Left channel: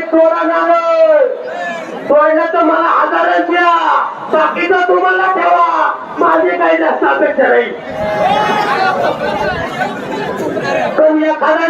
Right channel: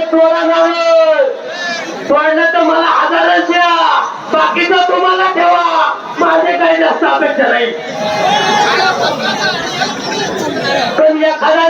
कुणीतरी तोडलं तर मला आजारच द्या. बाकीचं तुम्हाला ठेवा. माझे काही जास्त अपेक्षा नाही. पण एखादा